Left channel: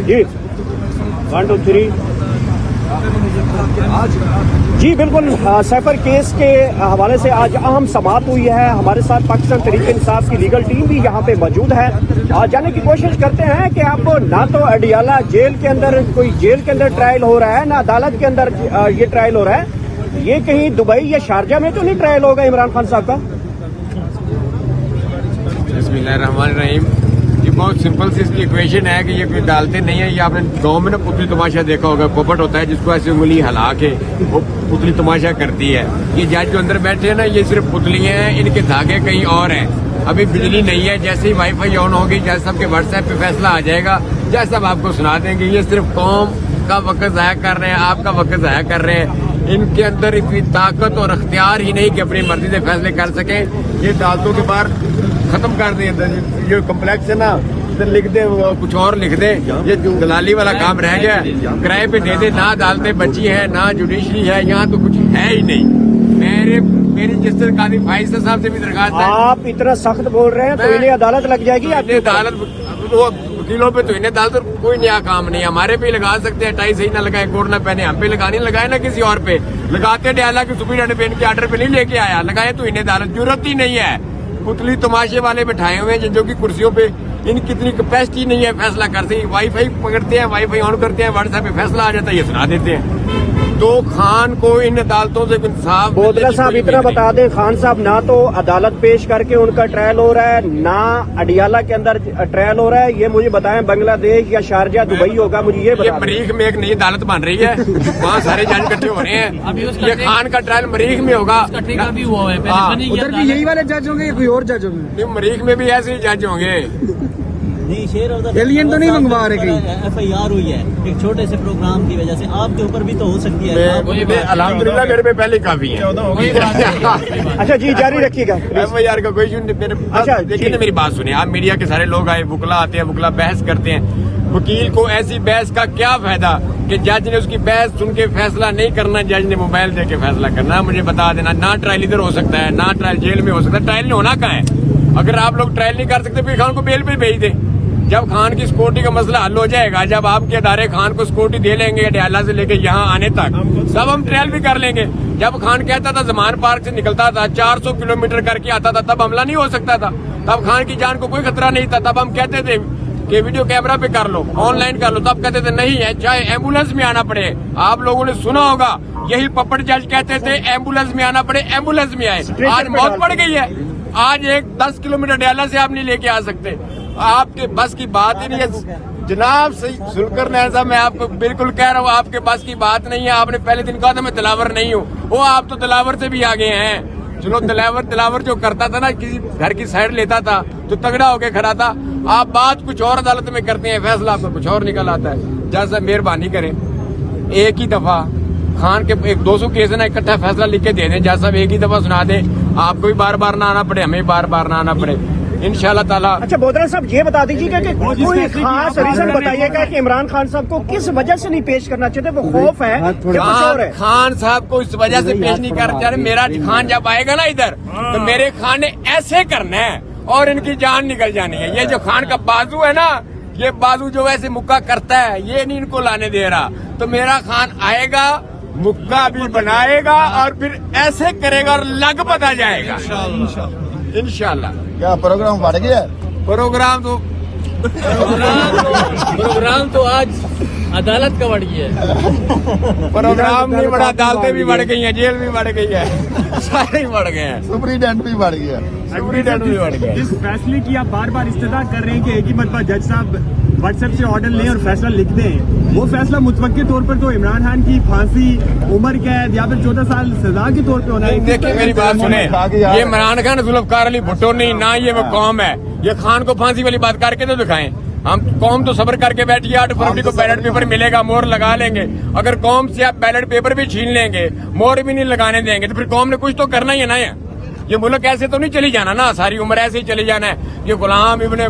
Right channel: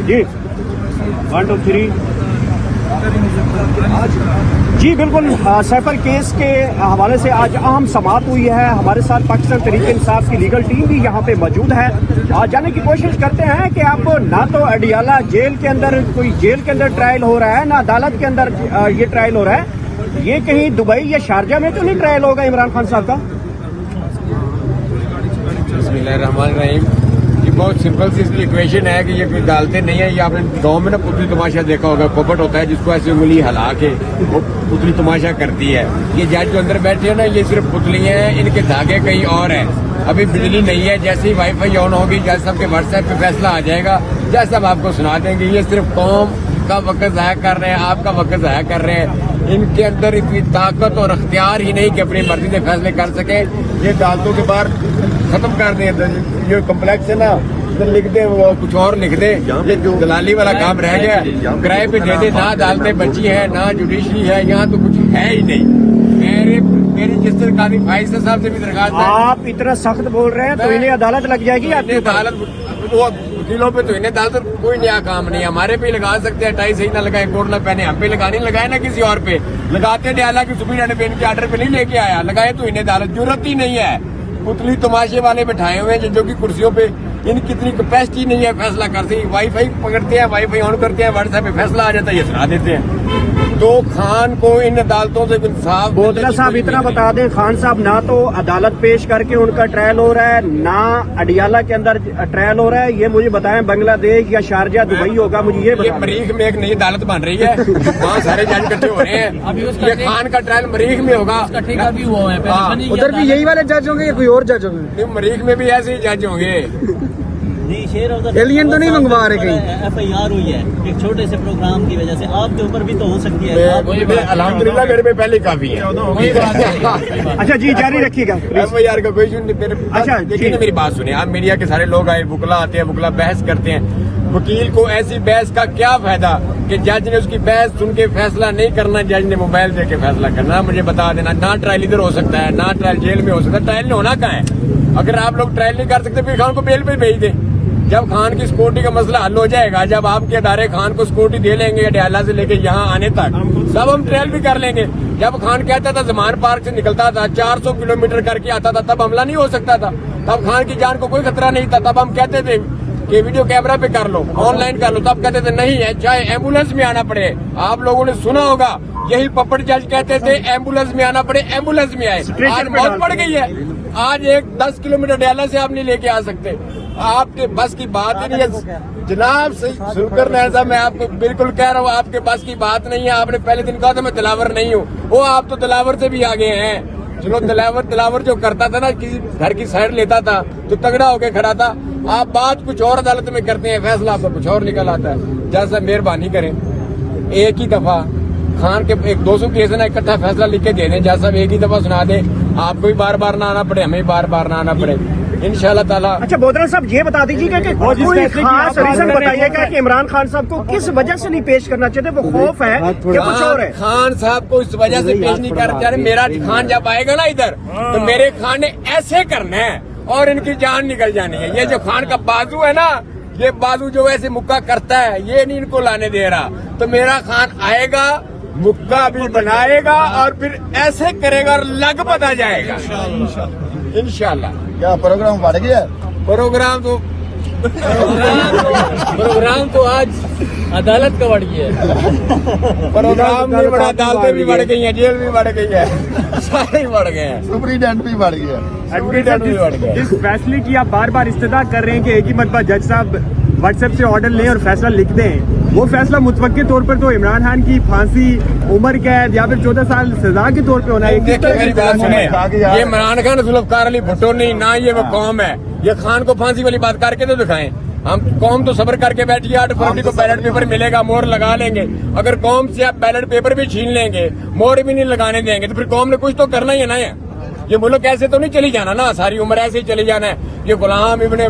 جی 1 2 3 جی بالکل safer case کے حوالے سے آج اہم سماعت ہوئی ہے. ہمارے ساتھ پاکستان تحریک انصاف کی لیگل ٹیم بھی یہاں پہ موجود ہے. جاننے کی کوشش کرتے ہیں کہ آپ کو نہ تو اڈیالہ جیل کے اندر کوئی جیل کے اندر ٹرائل ہو رہا ہے, نہ عدالت کے اندر یہ ٹرائل ہو رہا ہے. یہ کہیں دبئی یا شارجہ میں تو نہیں ٹرائل ہوگا عمران خان صاحب کا؟ بسم اللہ الرحمن الرحیم. یہ بہت سمپل سی اس کی ایکویشن ہے کہ یہ کوئی ڈالتے نہیں ہے. یہ آپ نے گاؤں میں نا پتلی تماشا دیکھا ہوگا, پوپٹ ہوتا ہے جس کو ایسے انگلی ہلا کے وہ پتلی تماشا کرتی ہے. یہ جج جو اندر بیٹھے ہیں نا, یہ صرف پتلی ہیں, ان کے دھاگے کہیں اور ہیں. ابھی بجلی نہیں ہے, جیسے ہی وائی فائی آن ہوگی جج صاحب کے واٹس ایپ پہ فیصلہ آ جائے گا, جج صاحب آپ کو سنا دیں گے. یہ صرف قوم کا وقت ضائع کر رہے ہیں, آپ کا وقت ضائع کر رہے ہیں. ان کے اندر اتنی طاقت اور اختیار ہی نہیں کہ اپنی مرضی سے فیصلے کر سکیں. یہ عدالتوں کے باہر ختم کر دیں. یہ کمپلیکس ہے نا, لکھ دیں کچھ اور لکھ دیں. یہ دلالی والا کام رہ گیا, کرائے پہ دے دیں. نہ عدالتیں بچی ہیں, نہ جوڈیشری ہے, یہاں تو کچھ ہے ہی نہیں. میری جس طرح قاضی فائز صاحب سے بھی درخواست ہے, آپ اتنا سخت بول رہے ہیں تو انہیں عدالت لگ جائے گی. انہیں عدالت وکیلوں پہ تو انہیں عدالت کوئی نیا کام نہیں. ہمارے پہ لگا سکتے ہیں, ٹائی صحیح نہ لگائے, کوٹ نہ پہنے, ہم پہ لگانے لگائے نا کسی اور پہ لگاتے. ڈیالہ کی سپرینٹینڈنٹ پہ ان کے آرڈر پہ نہیں لے کے آیا, لگائے تو انہیں عدالت ضرورت ہی نہیں ہے. پتلی تماشے والے بٹھائے ہوئے ہیں جو کہ کرسیوں پہ ان کی اتنی کیپیسٹی نہیں ہے فیصلہ کرتے. وائی فائی پکڑتے ہیں, وائی فائی آن کرتے ہیں, واٹس ایپ پہ فیصلہ آ جاتا ہے, یہ سنا دیتے ہیں. تو خان کو ان عدالتوں سے انصاف بودرا صاحب اتنا بتا دیں, خان صاحب نہ تو عدالت پیش کر کے ان کا ٹرائل ہو رہا ہے, نہ اڈیالہ کے اندر ٹرائل ہو رہا ہے. یہ مجھے بتائیں بنگلہ دیش یا شارجہ دبئی ہوگا, مجھے یہ مریخ میں ایک نئی عدالت بن رہی ہے, وہاں سارے جج اکٹھے ہو رہے ہیں. یہ خان کا ٹرائل مریخ میں ہوگا. ادھر بھی یہی والے جج ہوں گے یا کوئی اور جج ہوں گے؟ مریخ میں بھی ایسے ہی جج ہوں گے. ایلین تو نہیں منگوا رہے کہیں؟ ایف آئی آر ہوئی ہے ایک چھوٹے سے پروگرام کی وجہ سے, آپ کے اوپر بھی تو ہو سکتی ہے. الحمدللہ میرے پہ پہلے کافی ہے. اچھا جی جاری رکھیے گا. ایف آئی آر کا کوئی ایشو نہیں. دیکھیے نا میری بات سنیں آپ, میڈیا کے سارے لوگ آئے, وکلا آتے ہیں, وکلا بحث کرتے ہیں. وکیل کو ایسی بحث کا کیا فائدہ کہ جج نے اس کی بحث سن کے فیصلہ نہیں کرنا, جج نے موبائل دے کے فیصلہ کرنا. مجھے بتا دینا, نہ ٹرائل ادھر ہو سکتا ہے, نہ ٹرائل جیل میں ہو سکتا ہے. ٹرائل ہونا کہاں ہے؟ اگر آپ لوگ ٹرائل نہیں کر سکتے پھر خان کو بیل پہ بھیج دیں. جب خان کی سکیورٹی کا مسئلہ حل ہو جائے گا, جب آپ کے ادارے خان کو سکیورٹی دے لیں گے اڈیالہ سے لے کے یہاں آنے تک, تب ہم ٹرائل بھی کر لیں گے. جب خان کہتا تھا زمان پارک سے نکلتا تھا 400 کلومیٹر کر کے آتا تھا, تب حملہ نہیں ہو سکتا تھا, تب خان کی جان کو کوئی خطرہ نہیں تھا. تب ہم کہتے تھے کہ ویڈیو کیمرہ پہ کر لو, آن لائن کر لو. تب کہتے تھے نہیں ہے, چاہے ایمبولینس میں آنا پڑے. آپ لوگوں نے سنا ہوگا یہی پپٹ جج کہتے تھے ایمبولینس میں آنا پڑے, ایمبولینس میں آئے. آج موت پڑ گئی ہے. آج ایک 10 کلومیٹر اڈیالہ سے آپ نہیں لے کے آ سکتے. آپ کے بس کی بات ہی نہیں ہے جناب. سلکر نین صاحب, میں آپ کو بالکل کہہ رہا ہوں, آپ کے بس کی بات نہیں ہے. آپ نے پہلے دن کہا تھا میں دلاور نہیں ہوں, وہ آپ تو دلاور سے بھی آگے ہیں. چلو دلاور جو کرتا تھا نا, کسی گھر کی سائڈ لیتا تھا تو تگڑا ہو کے کھڑا تھا. آپ بات کچھ اور عدالت میں کرتے ہیں, فیصلہ آپ کا کچھ اور نکل آتا ہے. جج صاحب مہربانی کریں, ایک ہی دفعہ خان کے ایک 200 کیس ہے نا, اکٹھا فیصلہ لکھ کے دے دیں. جج صاحب ایک ہی دفعہ سنا دیں, آپ کو بھی بار بار نہ آنا پڑے, ہمیں بار بار نہ آنا پڑے, انشاءاللہ تعالیٰ. اچھا بودرا صاحب یہ بتا دیجیے گا کہ بتائیے گا کہ عمران خان صاحب کو کس وجہ سے نہیں پیش کرنا چاہتے, وہ خوف ہے خان صاحب کو اس وجہ سے پیش نہیں کرنا چاہتے. میرا خان جب آئے گا نا ادھر تو میرے خان نے ایسے کرنا ہے اور ان کی جان نکل جانی ہے. یہ جو خان کا بازو ہے نا, یہ بازو جو ویسے مکہ کرتا ہے, یہ نہیں ان کو لانے دے رہا. تو میرا خان آئے گا, مکہ بھی بنائے گا اور پھر ایسے کرے گا اور لگ پتا جائے گا انشاءاللہ. کیا پروگرام بڑھ گیا؟ پروگرام تو آج عدالت کا بڑھ گیا ہے. پروگرام بھی بڑا, عدالتیں بھی بڑھ گئی ہیں, جیل بھی بڑھ گئی ہے, سارے ہی بڑھ گئے ہیں. سپرینٹینڈنٹ بھی بڑھ گیا. بھی بڑھ گئے. اس فیصلے کی آپ بار بار استدعا کر رہے ہیں کہ ایک ہی مرتبہ جج صاحب واٹس ایپ سے آرڈر لیں اور فیصلہ لکھ دیں. وہ فیصلہ متوقع طور پر تو عمران خان کی پھانسی, عمر قید یا پھر 14 سال سزا کے طور پہ ہونا ہے. دیکھیں میری بات سنیں, یہ عمران خان ذوالفقار علی بھٹو نہیں, نہ یہ وہ قوم ہے. یہ خان کو پھانسی والی بات کر کے تو دکھائیں. ہم قوم تو صبر کر کے بیٹھی ہے, 8 فروری کو بیلٹ پیپر ملے گا, مور لگا لیں گے. اگر قوم سے آپ بیلٹ پیپر بھی چھین لیں گے, مور بھی نہیں لگانے دیں گے, تو پھر قوم نے کچھ تو کرنا ہی ہے نا. یہ ملک ایسے تو نہیں چلی جانا نا, ساری عمر ایسے ہی چلی جانا ہے. یہ غلام ابن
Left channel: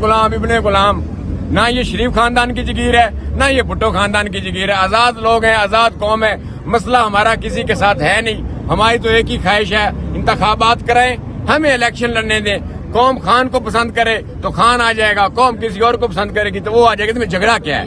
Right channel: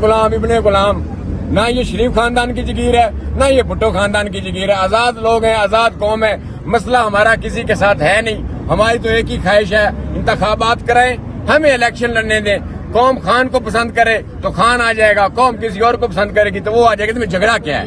غلام, نہ یہ شریف خاندان کی جگیر ہے, نہ یہ بھٹو خاندان کی جگیر ہے. آزاد لوگ ہیں, آزاد قوم ہے. مسئلہ ہمارا کسی کے ساتھ ہے نہیں. ہماری تو ایک ہی خواہش ہے, انتخابات کرائیں, ہمیں الیکشن لڑنے دیں. قوم خان کو پسند کرے تو خان آ جائے گا, قوم کسی اور کو پسند کرے گی تو وہ آ جائے گا. تو میں جھگڑا کیا ہے؟